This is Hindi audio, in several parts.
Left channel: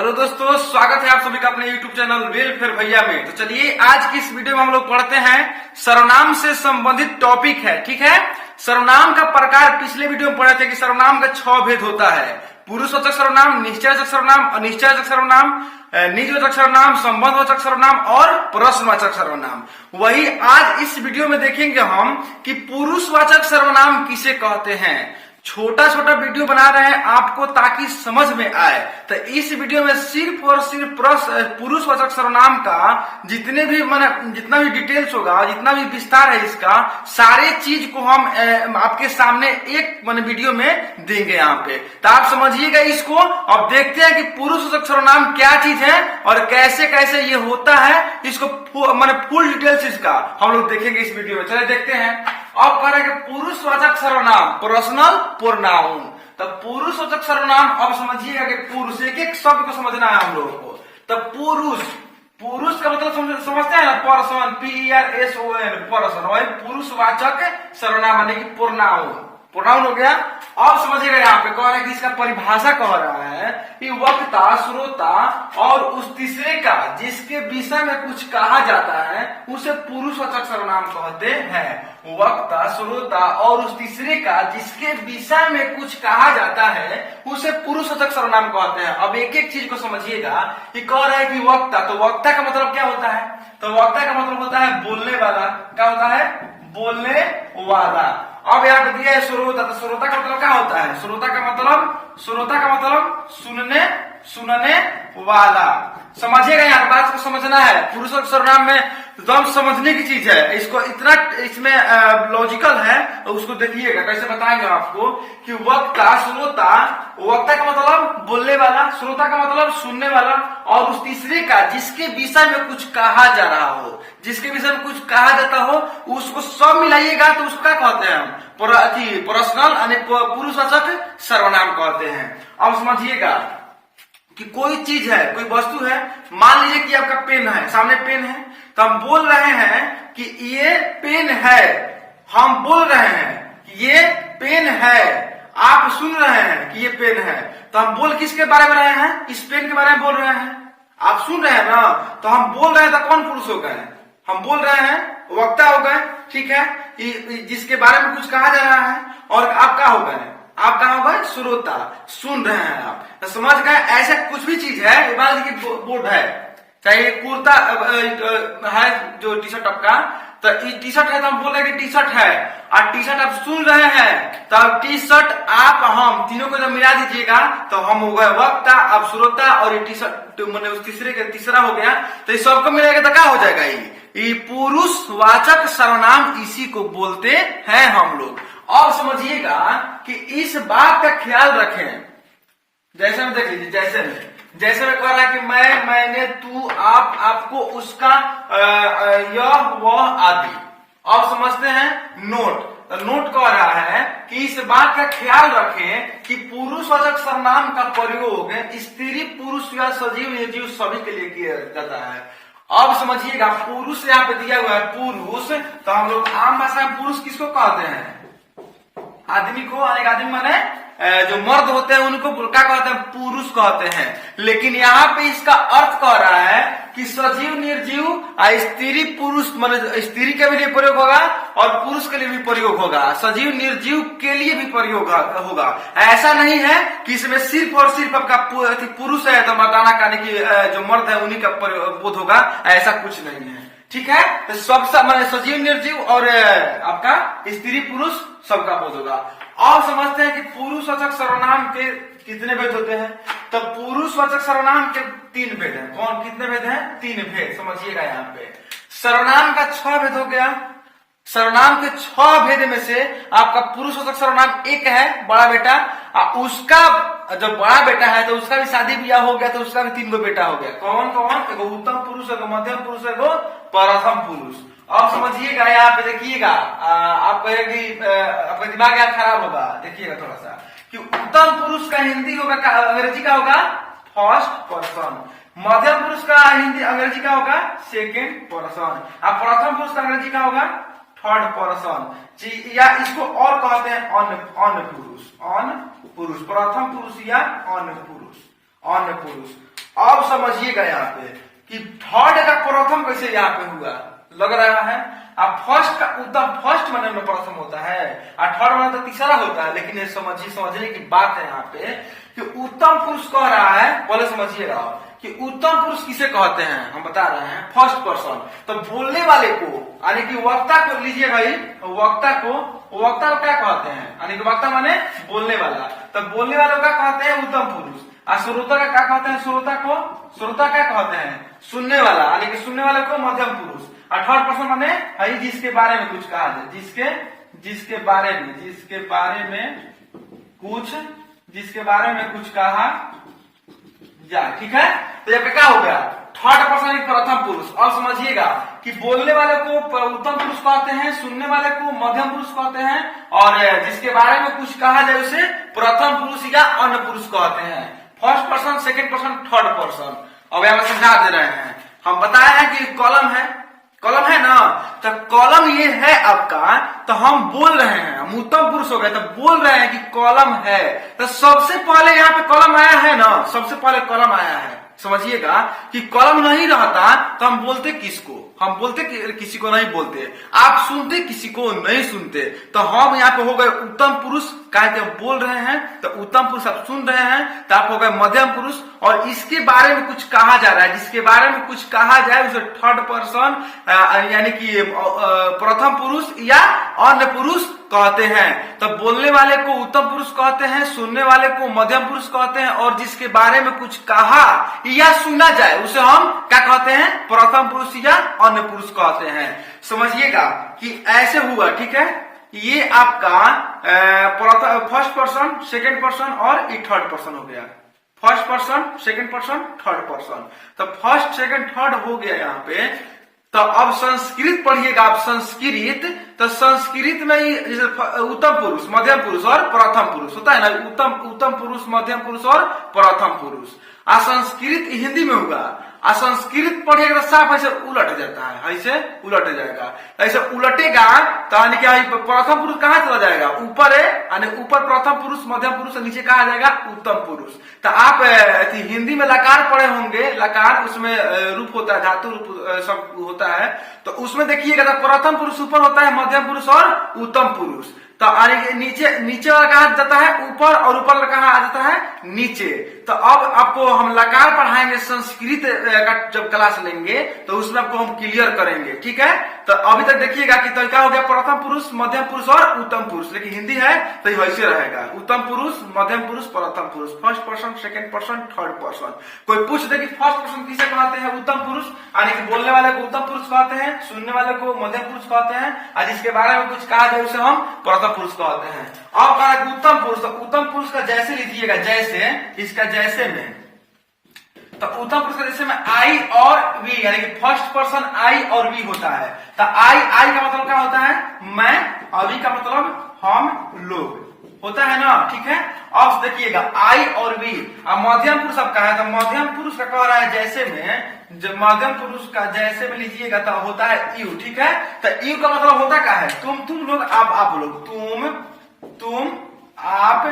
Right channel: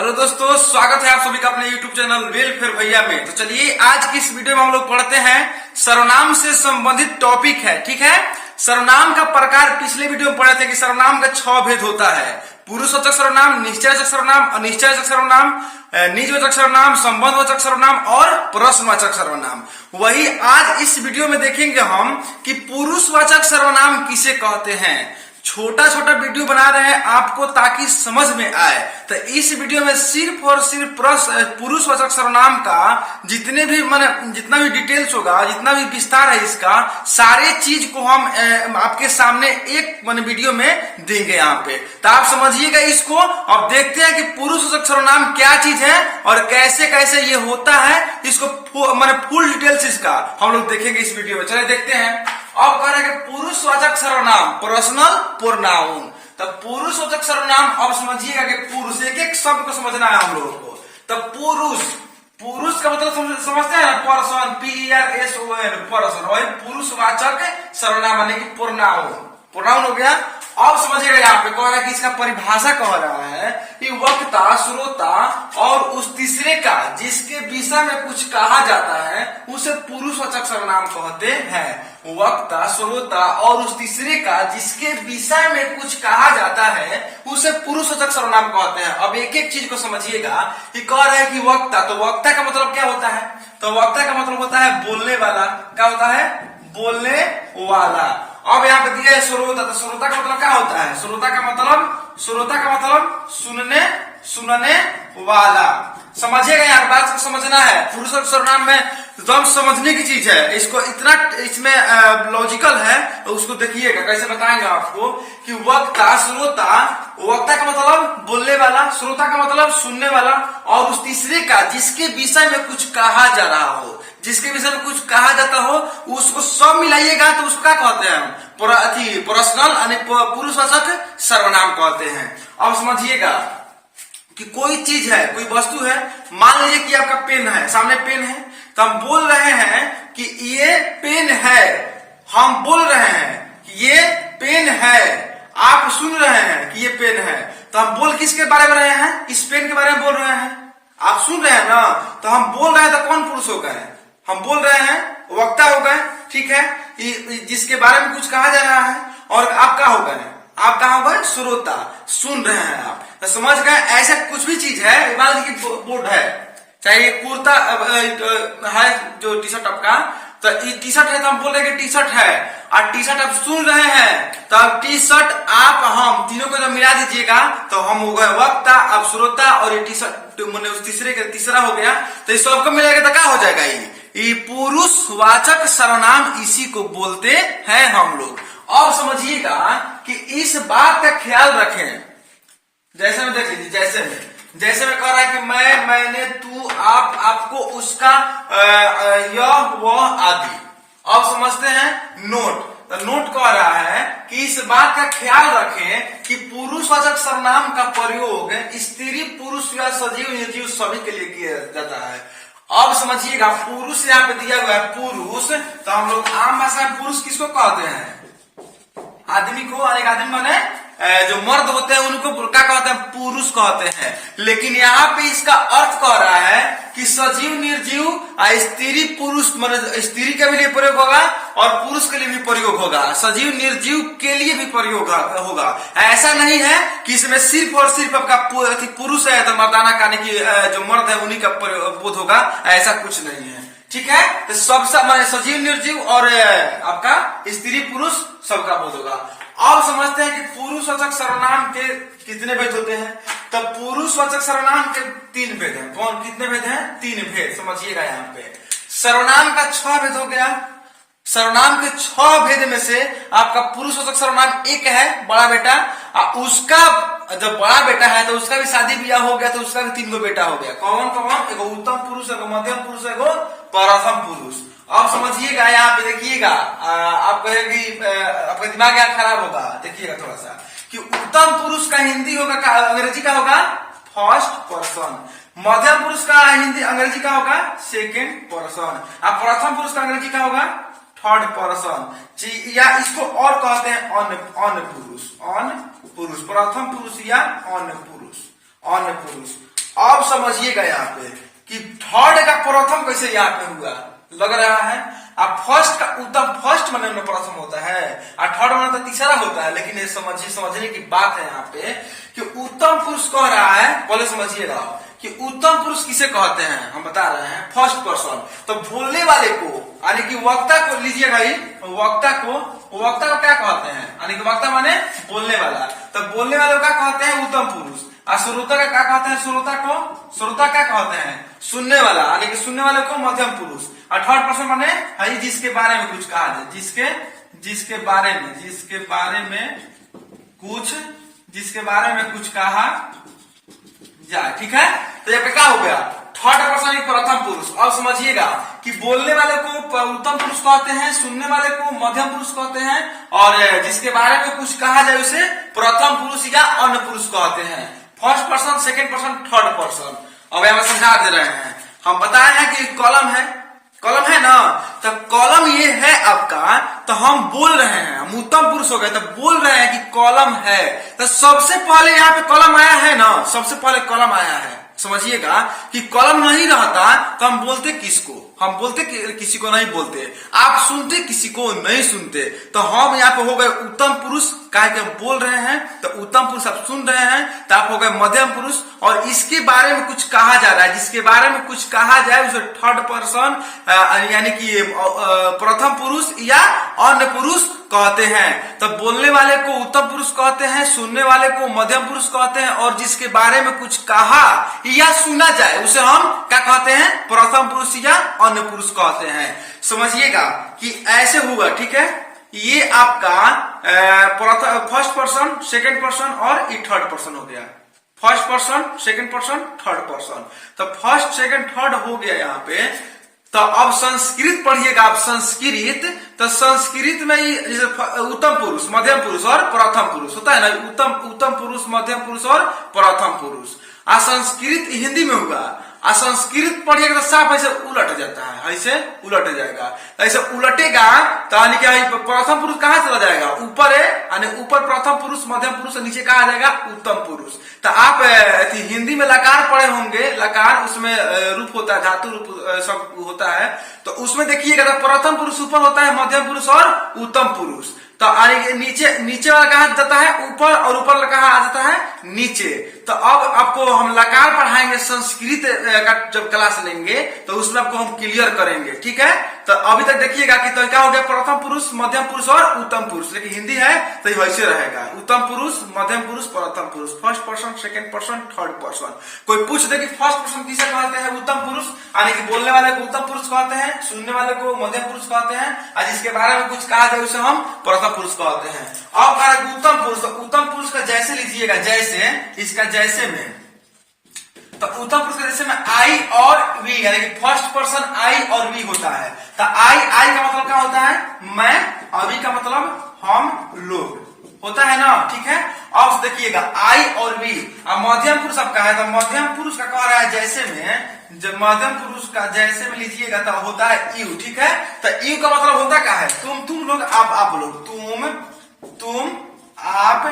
हेलो दोस्तों, स्वागत है आप सभी का अपने YouTube चैनल वेलफेयर भैया में। तो चलिए आज की इस वीडियो में हम लोग पढ़ते हैं सर्वनाम से संबंधित टॉपिक है। ठीक है, सर्वनाम का प्रकार पिछले वीडियो में पढ़े थे कि सर्वनाम का 6 भेद होता है। पुरुषवाचक सर्वनाम, निश्चयवाचक सर्वनाम, अनिश्चयवाचक सर्वनाम, निजवाचक सर्वनाम, संबंधवाचक सर्वनाम और प्रश्नवाचक सर्वनाम। वही आज इस वीडियो में देखेंगे हम कि पुरुषवाचक सर्वनाम किसे कहते हैं। छोटा छोटा वीडियो बना रहे हैं आपको ताकि समझ में आए। तो इस वीडियो में सिर्फ और सिर्फ पुरुषवाचक सर्वनाम का जितने भी जितना भी डिटेल्स होगा, जितना भी विस्तार है इसका, सारे चीज को हम आपके सामने एक वीडियो में देंगे यहाँ पे। तो आप समझिएगा इसको। अब देखते हैं कि पुरुषवाचक सर्वनाम क्या चीज है और कैसे कैसे ये होता है। इसको फुल डिटेल्स इसका हम लोग देखेंगे इस वीडियो में। चलिए देखते हैं। अब कह रहे हैं पुरुषवाचक सर्वनाम, पर्सनल प्रोनाउन। तो पुरुषवाचक सर्वनाम अब समझिएगा कि पुरुष, एक एक शब्द को समझना है हम लोगों को। तो पुरुष का मतलब समझते हैं ना, पर्सन, PERSON, पर्सन। वही पुरुषवाचक सर्वनाम माने कि प्रोनाउन हो गया। अब समझिएगा यहाँ पे कह रहा है कि इसका परिभाषा कह रहा है कि वक्ता, श्रोता और उस तीसरे का जिसके विषय में कुछ कहा जाता है उसे पुरुषवाचक सर्वनाम कहते हैं। वक्ता, श्रोता और उस तीसरे का जिसके विषय में कुछ कहा जाता है उसे पुरुषवाचक सर्वनाम कहते हैं। अब एक एक चीज को समझिएगा कि कह रहा है कि वक्ता, तो वक्ता का मतलब क्या होता है? तो वक्ता का मतलब होता है बोलने वाला। क्या होता है? बोलने वाला। अब यहाँ पे दिया है श्रोता, तो श्रोता का मतलब क्या होता है? श्रोता का मतलब सुनने वाला। समझिएगा, यहाँ बात को समझना है। पुरुषवाचक सर्वनाम में एकदम समझने की चीज है। इसको इतना इसमें लॉजिकल है, तो उसको देखिएगा कैसे बताएंगे आपको कि वक्ता, श्रोता, वक्ता का मतलब बोलने वाला, श्रोता का मतलब सुनने वाला और उस तीसरे का जिसके विषय में कुछ कहा जा रहा हो, जिसके विषय में कुछ कहा जाता हो, उसको सब मिलाइएगा तो उसको क्या कहते हैं हम? पर्सनल यानी पुरुषवाचक सर्वनाम कहते हैं। अब समझिएगा कि कोई चीज है, कोई वस्तु है। मान लीजिए कि आपका पेन है, सामने पेन है, तो हम बोल रहे हैं कि ये पेन है। हम बोल रहे हैं कि ये पेन है। आप सुन रहे हैं कि ये पेन है। तो हम बोल किसके बारे में रहे हैं? इस पेन के बारे में बोल रहे हैं। आप सुन रहे हैं ना, तो हम बोल रहे हैं। तो कौन पुरुष हो गए? हम बोल रहे हैं, वक्ता हो गए। ठीक है, जिसके बारे में कुछ कहा जा रहा है। और आप क्या हो गए? आप कहा हो गए? श्रोता, सुन रहे हैं आप। तो समझ गए। ऐसा कुछ भी चीज है, मान लीजिए बोर्ड है, चाहे कुर्ता है जो टी शर्ट आपका, तो टी शर्ट है तो हम बोल रहे हैं कि टी शर्ट है। और टी शर्ट आप सुन रहे हैं, तो अब टी शर्ट आप हम तीनों को जब मिला दीजिएगा तो हम हो गए वक्ता, अब श्रोता और ये टी शर्ट मैंने उस तीसरे का तीसरा हो गया। तो इस सबको मिलाएगा तो क्या हो जाएगा? ये पुरुषवाचक सर्वनाम, इसी को बोलते हैं हम लोग। अब समझिएगा कि इस बात का ख्याल रखें। जैसे में देख लीजिए, जैसे में कह रहा है कि मैं, मैंने, तू, आप, आपको, उसका, यह, वह आदि। अब समझते हैं नोट। तो नोट कह रहा है कि इस बात का ख्याल रखें कि पुरुषवाचक सर्वनाम का प्रयोग स्त्री, पुरुष या सजीव, निर्जीव सभी के लिए किया जाता है। अब समझिएगा, पुरुष यहाँ पे दिया हुआ है पुरुष। तो हम लोग आम भाषा में पुरुष किसको कहते हैं? आदमी को। एक आदमी माने जो मर्द होते हैं उनको क्या कहते हैं? पुरुष कहते हैं। लेकिन यहाँ पे इसका अर्थ कह रहा है कि सजीव, निर्जीव, स्त्री, पुरुष, मतलब स्त्री के लिए प्रयोग होगा और पुरुष के लिए भी प्रयोग होगा। सजीव, निर्जीव के लिए भी प्रयोग होगा। ऐसा नहीं है कि इसमें सिर्फ और सिर्फ आपका पुरुष है तो मर्दाना कहने की जो मर्द है उन्हीं का बोध होगा। ऐसा कुछ नहीं है। ठीक है, तो सब सजीव, निर्जीव और आपका स्त्री, पुरुष सबका बोध होगा। अब समझते हैं कि पुरुषवाचक सर्वनाम के कितने भेद होते हैं। तो पुरुषवाचक सर्वनाम के 3 भेद हैं। कौन? कितने भेद हैं? 3 भेद। समझिएगा यहाँ पे सर्वनाम का 6 भेद हो गया। सर्वनाम के 6 भेद में से आपका पुरुषवाचक सर्वनाम एक है, बड़ा बेटा। उसका जब बड़ा बेटा है तो उसका भी शादी ब्याह हो गया, तो उसका भी 3 बेटा हो गया। कौन कौन? एगो उत्तम पुरुष, एगो मध्यम पुरुष, एगो प्रथम पुरुष। अब समझिएगा, यहाँ पे देखिएगा, आप कहेंगे आपका दिमाग यहाँ खराब होगा। देखिएगा थोड़ा सा कि उत्तम पुरुष का हिंदी होगा, अंग्रेजी का होगा फर्स्ट पर्सन। मध्यम पुरुष का हिंदी अंग्रेजी का होगा सेकेंड पर्सन। अब प्रथम पुरुष का अंग्रेजी का होगा थर्ड पर्सन। या इसको और कहते हैं अन पुरुष। प्रथम पुरुष या अन पुरुष। अब समझिएगा यहाँ पे कि थर्ड का प्रथम कैसे यहाँ पे हुआ, लग रहा है। अब फर्स्ट का उत्तम, फर्स्ट माने में प्रथम होता है और थर्ड माने तो तीसरा होता है, लेकिन ये समझने की बात है यहाँ पे कि उत्तम पुरुष कह रहा है। पहले समझिएगा कि उत्तम पुरुष किसे कहते हैं, हम बता रहे हैं फर्स्ट पर्सन। तो बोलने वाले को यानी कि वक्ता को लीजिए भाई, वक्ता को क्या कहते हैं, यानी कि वक्ता माने बोलने वाला। तो बोलने वाले को क्या कहते हैं, उत्तम पुरुष। और श्रोता का क्या कहते हैं, श्रोता क्या कहते हैं, सुनने वाला, यानी कि सुनने वाले को मध्यम पुरुष। और थर्ड पर्सन माने है जिसके बारे में कुछ कहा जाए, जिसके बारे में कुछ कहा जाए, ठीक है। तो यहाँ पे क्या हो गया, थर्ड पर्सन प्रथम पुरुष। अब समझिएगा कि बोलने वाले को उत्तम पुरुष कहते हैं, सुनने वाले को मध्यम पुरुष कहते हैं, और जिसके बारे में कुछ कहा जाए उसे प्रथम पुरुष या अन्य पुरुष कहते हैं। First person, second person, third person. अब यहाँ समझा दे रहे हैं, हम बताए हैं कि कॉलम है ना। तो कॉलम ये है आपका, तो हम बोल रहे हैं, हम उत्तम पुरुष हो गए, तो बोल रहे हैं कि कॉलम है। तो सबसे पहले यहाँ पे कॉलम आया है ना, सबसे पहले कॉलम आया है। समझिएगा कि कॉलम नहीं रहता तो हम बोलते किसको, हम बोलते किसी को नहीं बोलते, आप सुनते किसी को नहीं सुनते। तो हम यहाँ पे हो गए उत्तम पुरुष, कहा कि हम बोल रहे हैं तो उत्तम पुरुष आप सुन रहे हैं, तो आप हो गए मध्यम पुरुष। और इसके बारे में कुछ कहा जा रहा है, जिसके बारे में कुछ कहा जाए उसे थर्ड पर्सन यानी कि प्रथम पुरुष या अन्य पुरुष कहते हैं। तो बोलने वाले को उत्तम पुरुष कहते हैं, सुनने वाले को मध्यम पुरुष कहते हैं, और जिसके बारे में कुछ कहा या सुना जाए उसे हम क्या कहते हैं, प्रथम पुरुष या अन्य पुरुष कहते हैं। समझिएगा कि ऐसे हुआ, ठीक है। ये आपका फर्स्ट पर्सन, सेकंड पर्सन और थर्ड पर्सन हो गया। First person, second person, third person. तो फर्स्ट, सेकंड, थर्ड हो गया यहाँ पे। तो अब संस्कृत पढ़िएगा आप, संस्कृत। तो संस्कृत में जैसे उत्तम पुरुष, मध्यम पुरुष और प्रथम पुरुष होता है ना, उत्तम पुरुष, मध्यम पुरुष और प्रथम पुरुष। संस्कृत हिंदी में हुआ, संस्कृत पढ़िएगा तो साफ ऐसे उलट जाता है, ऐसे उलट जाएगा। ऐसे उलटेगा तो यानी क्या, प्रथम पुरुष कहाँ चला जाएगा, ऊपर है, यानी ऊपर प्रथम पुरुष, मध्यम पुरुष, नीचे कहा जाएगा उत्तम पुरुष। तो आप हिंदी में लकार पढ़े होंगे, लकार उसमें रूप होता है, धातु रूप सब होता है। तो उसमें देखिएगा तो प्रथम पुरुष ऊपर होता है, मध्यम पुरुष और उत्तम पुरुष। तो नीचे वाला कहा जाता है ऊपर, और ऊपर वाला कहा आ जाता है नीचे। तो अब आपको हम लकार पढ़ाएंगे, संस्कृत का जब क्लास लेंगे तो उसमें आपको हम क्लियर करेंगे, ठीक है। तो अभी तक देखिएगा कि तो क्या हो गया, प्रथम पुरुष, मध्यम पुरुष और उत्तम पुरुष। लेकिन हिंदी है तो वैसे रहेगा, उत्तम पुरुष, मध्यम पुरुष, प्रथम पुरुष, first person, second person, third person. कोई पूछ दे कि फर्स्ट पर्सन किसे कहते हैं, उत्तम पुरुष, यानी कि बोलने वाले को उत्तम पुरुष कहते हैं, सुनने वाले को मध्यम पुरुष कहते हैं, और जिसके बारे में कुछ कहा जाए उसे हम प्रथम पुरुष कहते हैं। अब कहा उत्तम पुरुष, तो उत्तम पुरुष का जैसे लीजिएगा, जैसे इसका जैसे में, तो उत्तम पुरुष का जैसे में आई और वी, यानी कि फर्स्ट पर्सन आई और वी होता है। तो आई का मतलब क्या होता है, मैं, और वी का मतलब हम लोग होता है ना, ठीक है। अब देखिएगा आई और वी। अब मध्यम पुरुष आपका है, तो मध्यम पुरुष का कह रहा है जैसे में, जब मध्यम पुरुष का जैसे में लीजिएगा तो होता है यू, ठीक है। तो यू का मतलब होता क्या है, तुम लोग, आप लोग, तुम आप,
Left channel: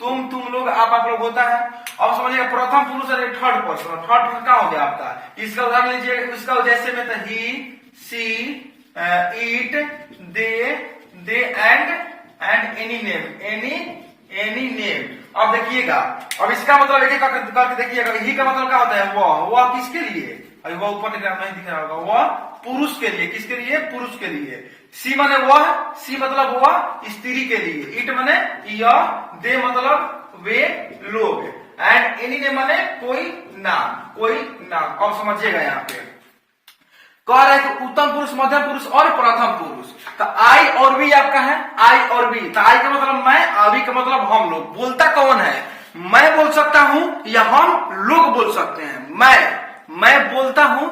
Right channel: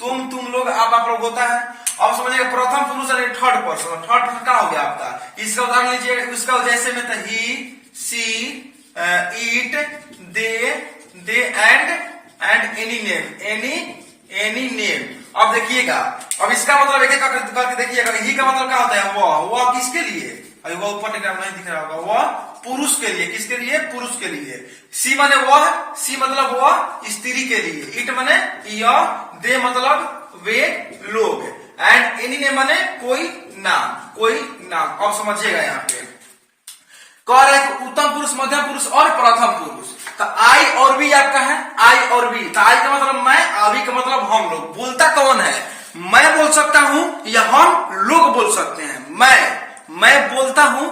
तुम लोग, आप लोग होता है। अब समझिएगा प्रथम पुरुष और थर्ड पर्सन। थर्ड पर्सन क्या हो गया आपका, इसका उदाहरण लीजिएगा, उसका जैसे में तो ही, see, it, they and any name. अब देखिएगा, अब इसका मतलब एक करके देखिएगा, ही का मतलब क्या होता है, वह किसके लिए, अभी वह ऊपर नहीं दिख रहा होगा, वह पुरुष के लिए, किसके लिए, पुरुष के लिए। सी माने वह, सी मतलब वह स्त्री के लिए, इट माने यह, दे मतलब वे लोग, एंड एनी ने माने कोई नाम। अब समझिएगा यहाँ पे कह रहे हैं उत्तम पुरुष, मध्यम पुरुष और प्रथम पुरुष। तो आई और वी आपका है, आई और वी। तो आई का मतलब मैं, अभी का मतलब हम लोग। बोलता कौन है, मैं बोल सकता हूं या हम लोग बोल सकते हैं। मैं बोलता हूं,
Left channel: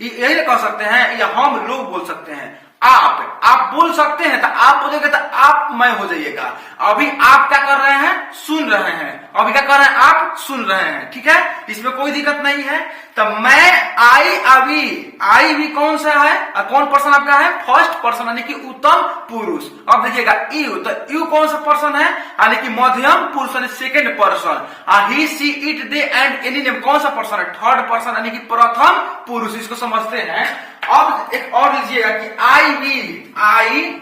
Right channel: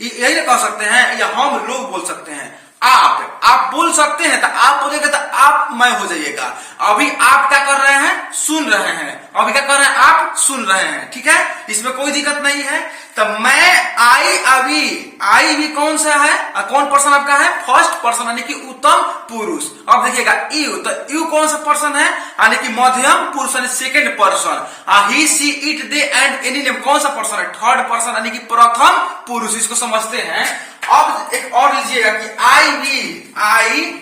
यही कह सकते हैं, या हम लोग बोल सकते हैं। आप बोल सकते हैं तो आप बोलेंगे तो आप मैं हो जाइएगा। अभी आप क्या कर रहे हैं, सुन रहे हैं। अभी क्या कर रहे हैं, आप सुन रहे हैं, ठीक है, इसमें कोई दिक्कत नहीं है। तो मैं आई भी कौन सा है, कौन पर्सन आपका है, फर्स्ट पर्सन यानी कि उत्तम पुरुष। अब देखिएगा यू, तो यू कौन सा पर्सन है, यानी कि मध्यम पुरुष यानी second person. He see it they and any name कौन सा पर्सन है, थर्ड पर्सन यानी कि प्रथम पुरुष। इसको समझते हैं। अब एक और लीजिएगा कि आई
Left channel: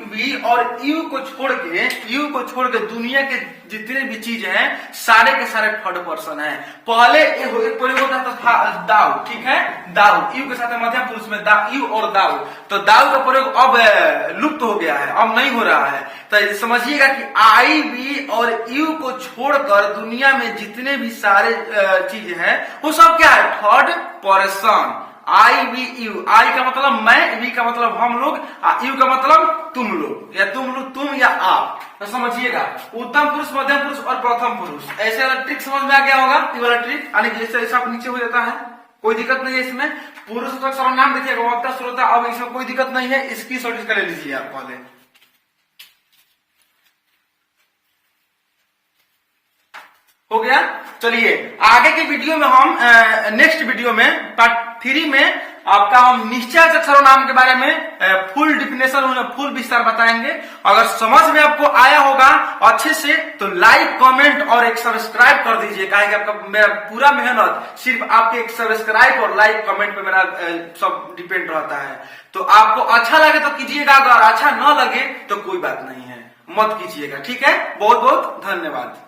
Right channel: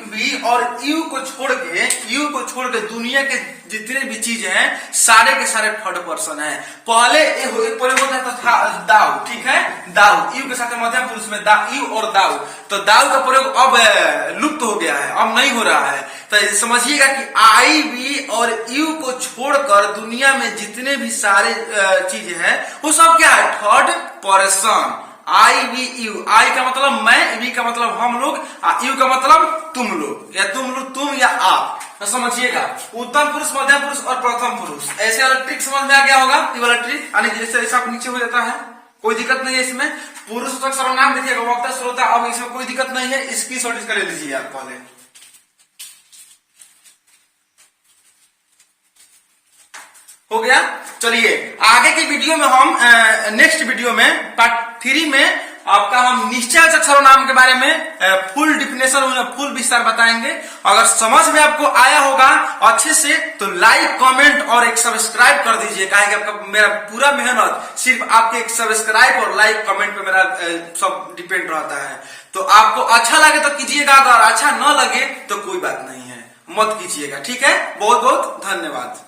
वी और यू को छोड़ के दुनिया के जितने भी चीज हैं सारे के सारे थर्ड पर्सन है। पहले एक प्रयोग होता है तो था दाऊ, ठीक है, दाऊ यू के साथ मध्यम पुरुष में यू और दाऊ, तो दाऊ का प्रयोग अब लुप्त हो गया है, अब नहीं हो रहा है। तो समझिएगा कि आई वी और यू को छोड़कर दुनिया में जितने भी सारे चीज हैं वो सब क्या है, third person. I we you, I का मतलब मैं, वी का मतलब हम लोग, यू का मतलब तुम लोग, या तुम या आप। तो समझिएगा उत्तम पुरुष, मध्यम पुरुष और प्रथम पुरुष। ऐसे वाला ट्रिक समझ में आ गया होगा, ये वाला ट्रिक, यानी जैसे ऐसा नीचे हो जाता है, कोई दिक्कत नहीं है इसमें। पुरुष तक सर्वनाम देखिएगा, वक्ता श्रोता, अब इसमें कोई दिक्कत नहीं है। इसकी शॉर्ट ले लीजिए आप पहले। हो गया। चलिए आगे के वीडियो में हम नेक्स्ट वीडियो में पार्ट 3 में आपका हम निश्चयवाचक सर्वनाम के बारे में फुल डिफिनेशन, फुल विस्तार बताएंगे। अगर समझ में आपको आया होगा अच्छे से तो लाइक, कमेंट और एक सब्सक्राइब कर दीजिए, काहे कि आपका मेरा पूरा मेहनत सिर्फ आपके एक सब्सक्राइब और लाइक कमेंट पे मेरा सब डिपेंड रहता है। तो आपको अच्छा लगे तो कीजिएगा, अगर अच्छा न लगे तो कोई बात नहीं है, मत कीजिएगा, ठीक है। बहुत बहुत धन्यवाद।